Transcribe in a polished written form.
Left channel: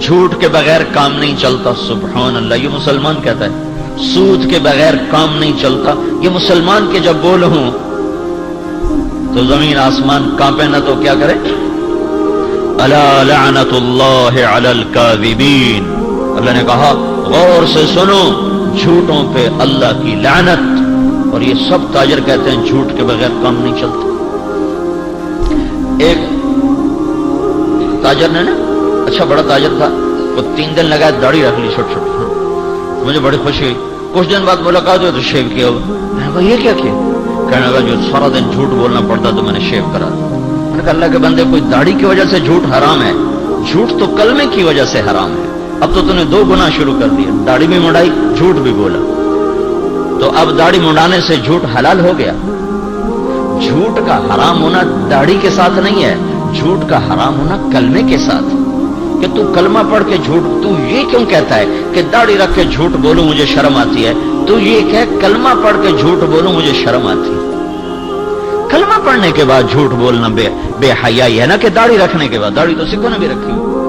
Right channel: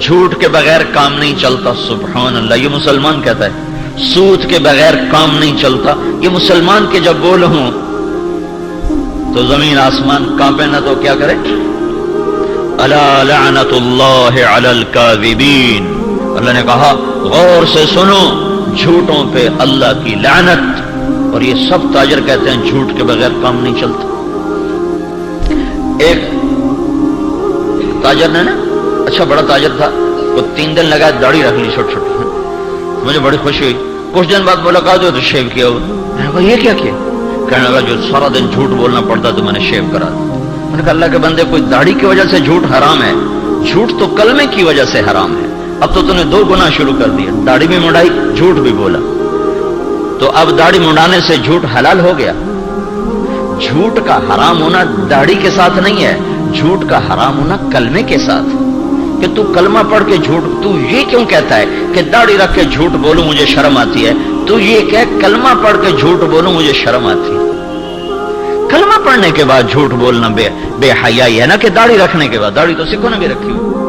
جھوٹ کے بغیر کام نہیں چلتا. سبحان اللہ، یہ مسلمان کہتا ہے سود کے بغیر کام نہیں چلتا. یہ مسلمان کے جب بول ہوں تو زمین آسمان کانپے نہ تو کیا کرے؟ الا لعنت اللہ علی الکاذبین. اللہ نے کہا غور سے سنو، جھوٹوں پہ اللہ کی لعنت. اور یہ سب تاجر کہتے ہیں جھوٹ کے بغیر کام نہیں چلتا. ایک تاجر نے نا، اچھا بڑا تاجر تھا، وہ 3 دن لگا داڑھی رکھ لی چھوٹی چھوٹی. مجھے بڑی خوشی ہوئی. کچھ دن بعد ملاقات ہوئی تو شیو کیا ہوا. میں نے کہا یہ کیا کیا؟ کہنے لگا جو سارا دن جھوٹ بولنا پڑتا تو میں نے شیو کرا. میں نے کہا اللہ کے بندے، کوئی داڑھی کی وجہ سے جھوٹ حرام ہے؟ جھوٹ تو کلمے کی وجہ سے حرام ہے. اب تو نے 2 گناہ شروع کر دیا، داڑھی بھی منڈائی، جھوٹ بھی بولا. تو اب داڑھی منڈانے سے جھوٹ حلال ہو گیا. جھوٹ کا حرام ہونا داڑھی کے ساتھ نہیں ہے، جھوٹ کا حرام ہونا کلمے کے ساتھ. کہ تو کلمہ پڑھ کے جھوٹ، تو یہ کیوں کہتا ہے کہ داڑھی رکھ کے جھوٹ بولوں مجھے شرم آتی ہے؟ تو یہ کہ کلمہ پڑھ کے جھوٹ بولوں مجھے شرم آتی ہے. کلمہ پڑھنے کے بعد جھوٹ بولنا بے حیائی ہے نا، کہ داڑھی رکھنے کے بعد. داڑھی تو سکھوں نے بھی رکھی ہوئی.